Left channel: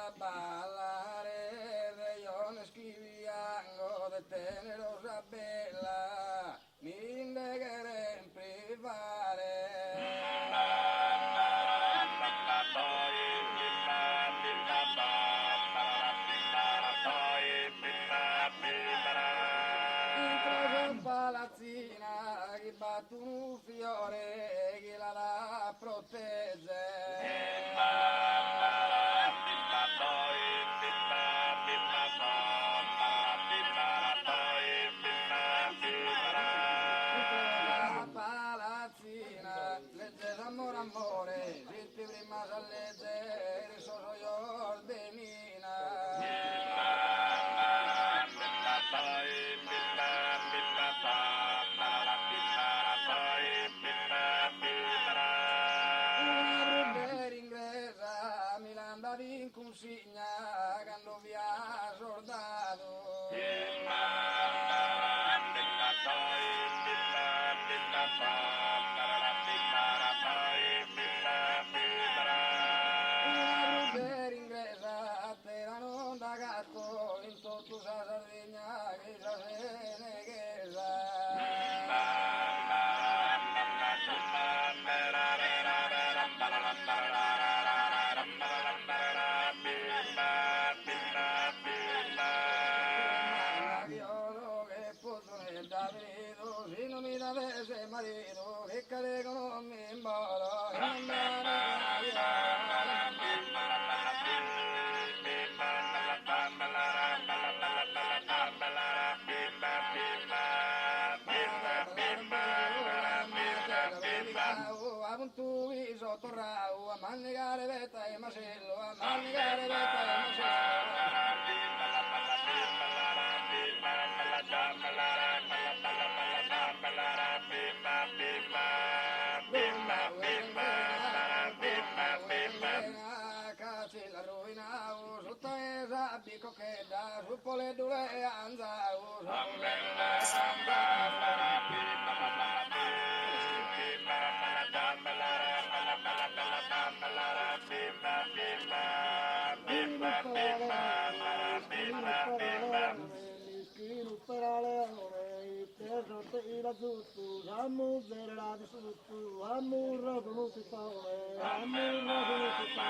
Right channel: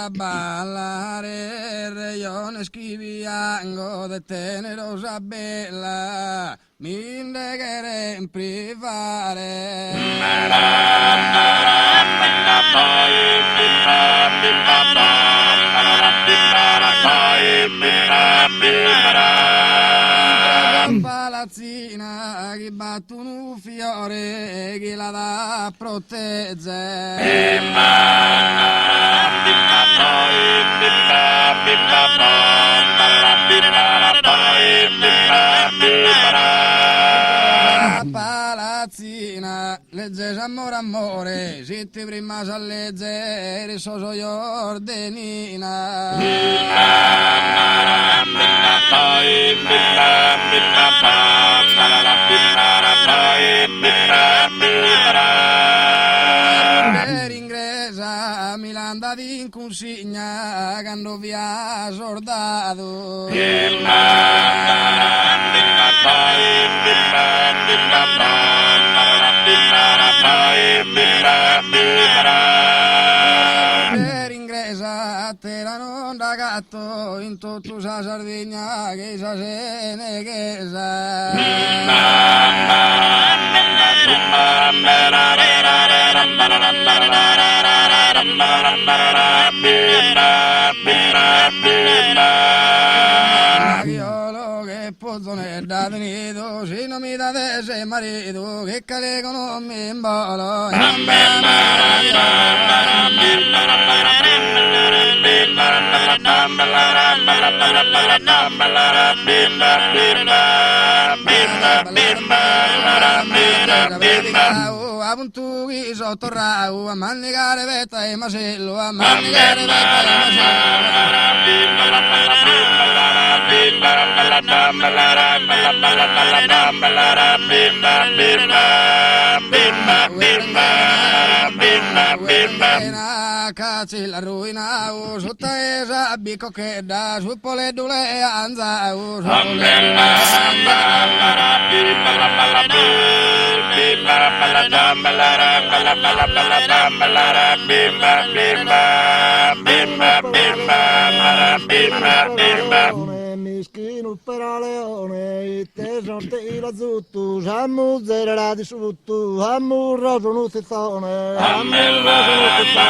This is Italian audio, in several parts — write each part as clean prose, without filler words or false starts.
a ballare, io ne schiviango de tenerosa bella, mi indeghere in privare. Palazzina che battono un fiore che la dà a proteggere. Palazzina legge amore amore se ti prima sa leggere so io ordenina. Per ingresa Milanda di consigna quando via sordato. Per ingresa terra non da gatto in tutto sa Sardegna che sa se ne che sa. Io che pozzo ne da venuto se non mi date se marito che calegono mi imbolo. A puntugi sotto rau, a mannigare vetta e macello, a mannigare vetta e macello. Cazzi la ruina, sotto esa bico che da su pole dule anza, su pole mischino per a leone, te sorte la zuttu, sammu zerera di suttu, sammu roso nuzizzone, sammu roso nuzizzone.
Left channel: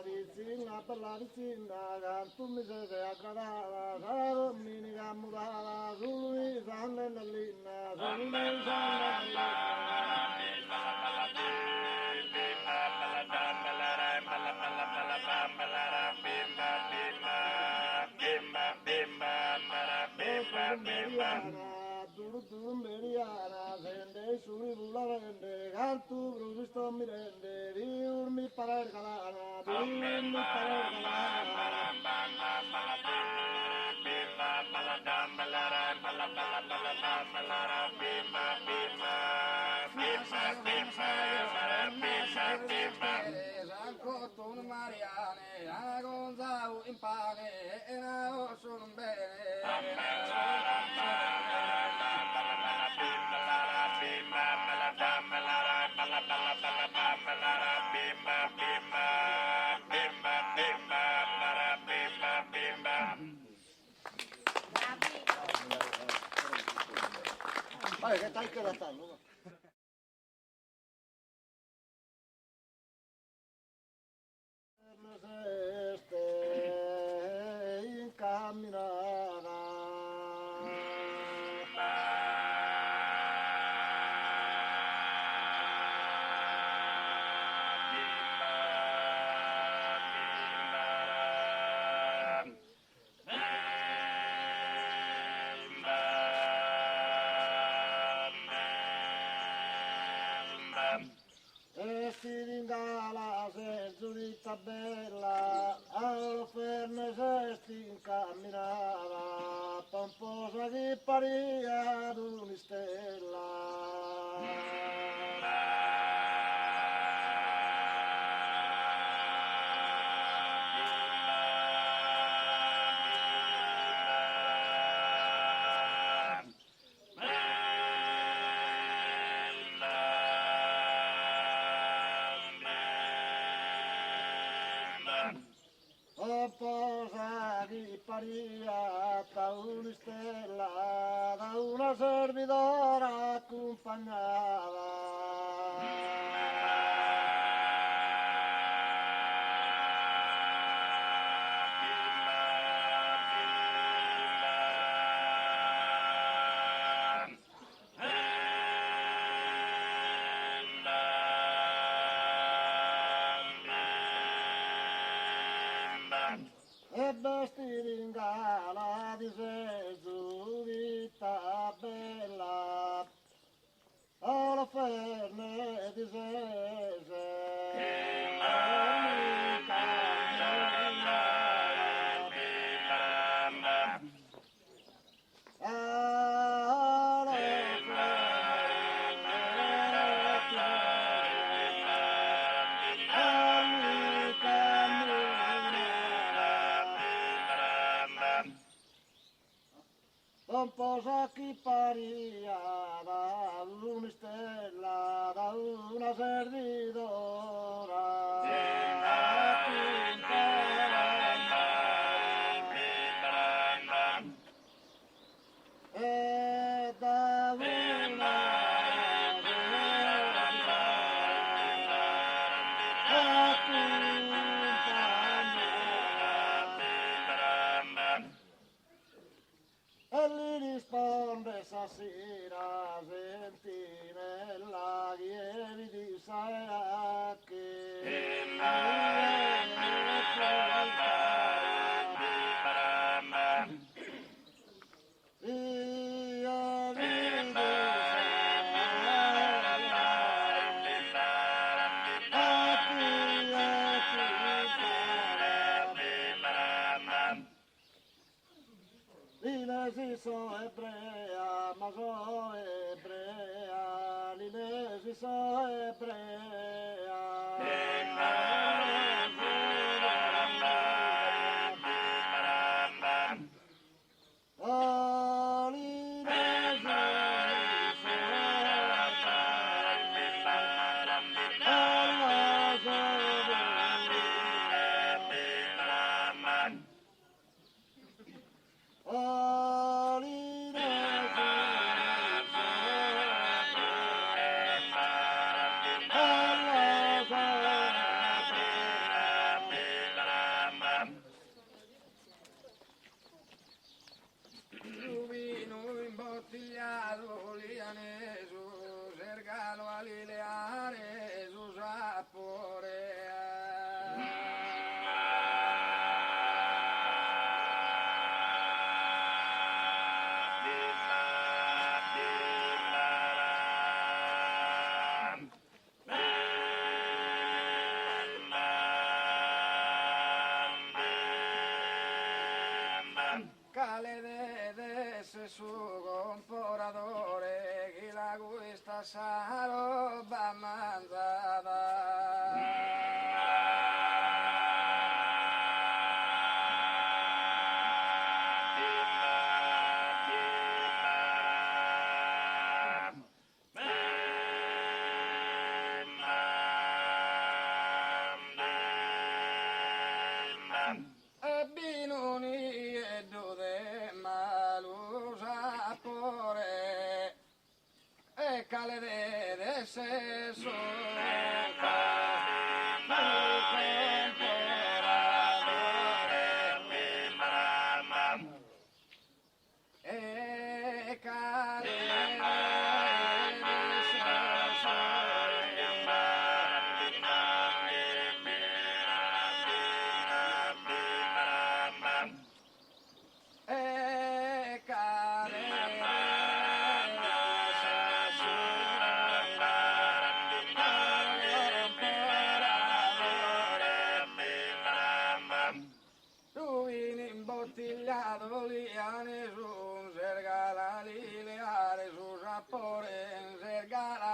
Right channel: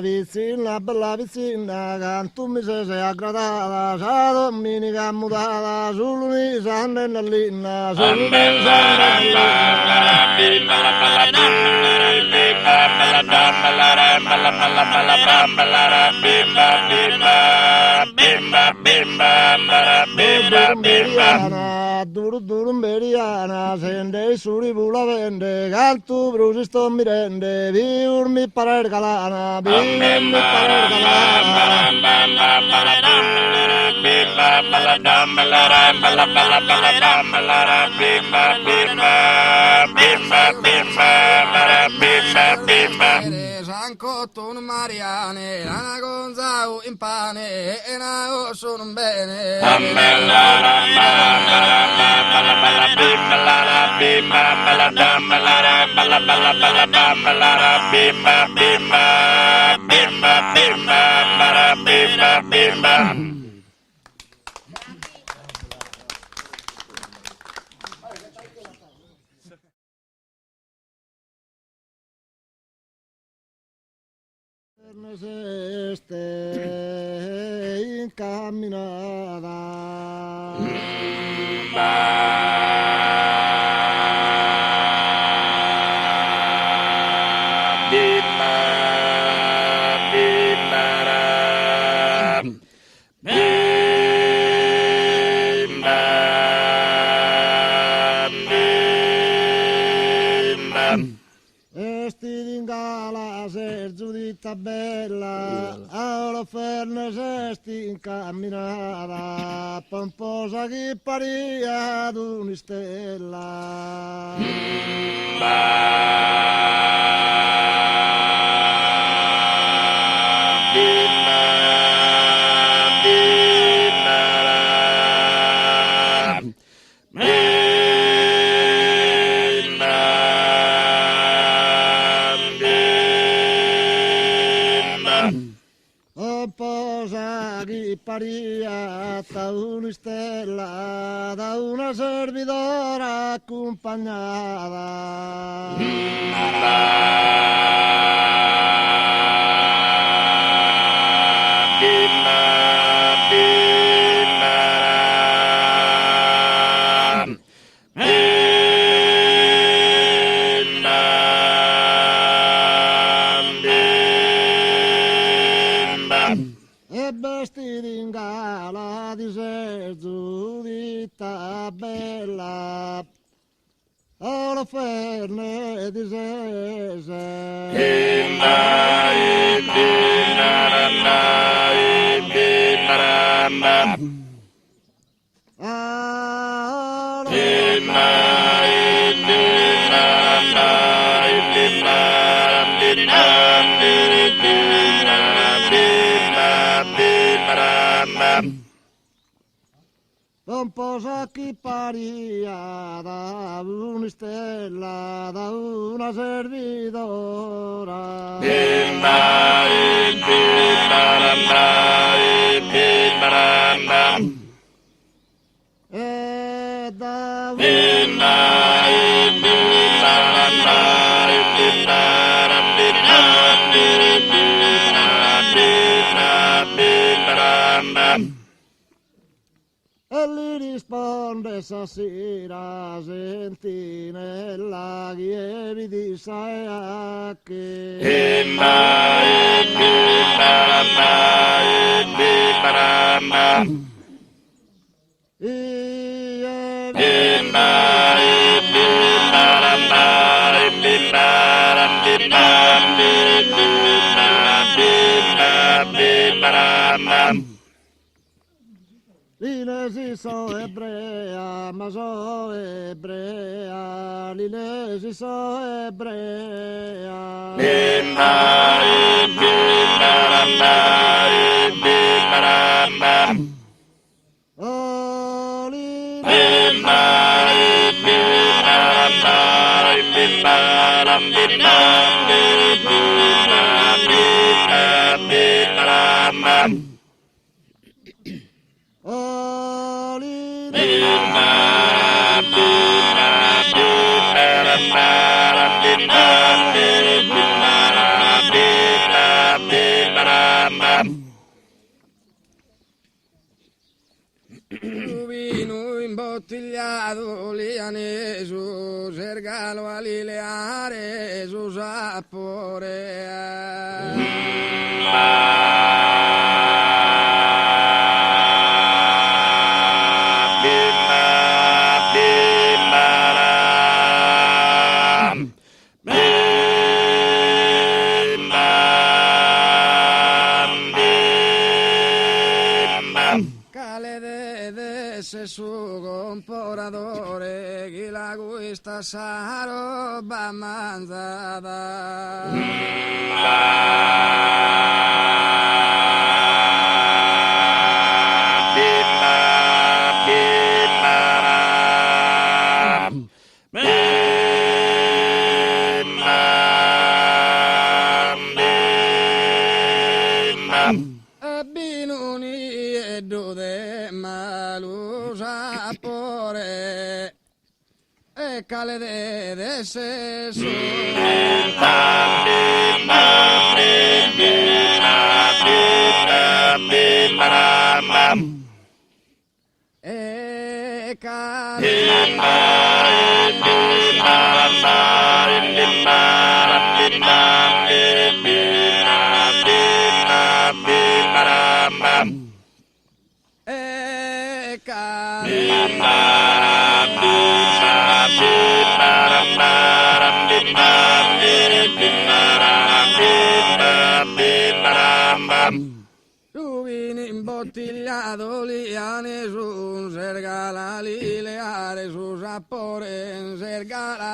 Vicina, bella vicina, cantu mi se aggradata, sa domenica mutata, sull'uni sanne nell'inna, sull'uni sanne nell'inna. Durumberiana, sende suri bula vende, cantu brusi sto mirende, viurmi parer galana, viurmi parer galana. Sancotto un Mariane, Ana Gonzao in pane, e na sono un bene. Este incamminata. Bella, alla ferna sesti incamminata, pomposa posa che paria ad un'istella. Posa che paria da un'istella, da una servidora accompagnata. E vestiti in gala di serzo di bella, ora ferne di un po' sa chi paria da un'istella, da una servidora. E da E gli risponde stasera, senti nella chieri di Saiacchi. L'Ilesi so ebrea, ma so ebrea, l'Ilesi so ebrea. Oh, Vino imbottigliato lianeso, cercalo a lileare su sapore. Su comporatore chi la questa sa roba mangiata. E binuni e dode malu sapore e cale de se su e Rubini imbottigliato liane su un serga Galileare su Sapore Sergara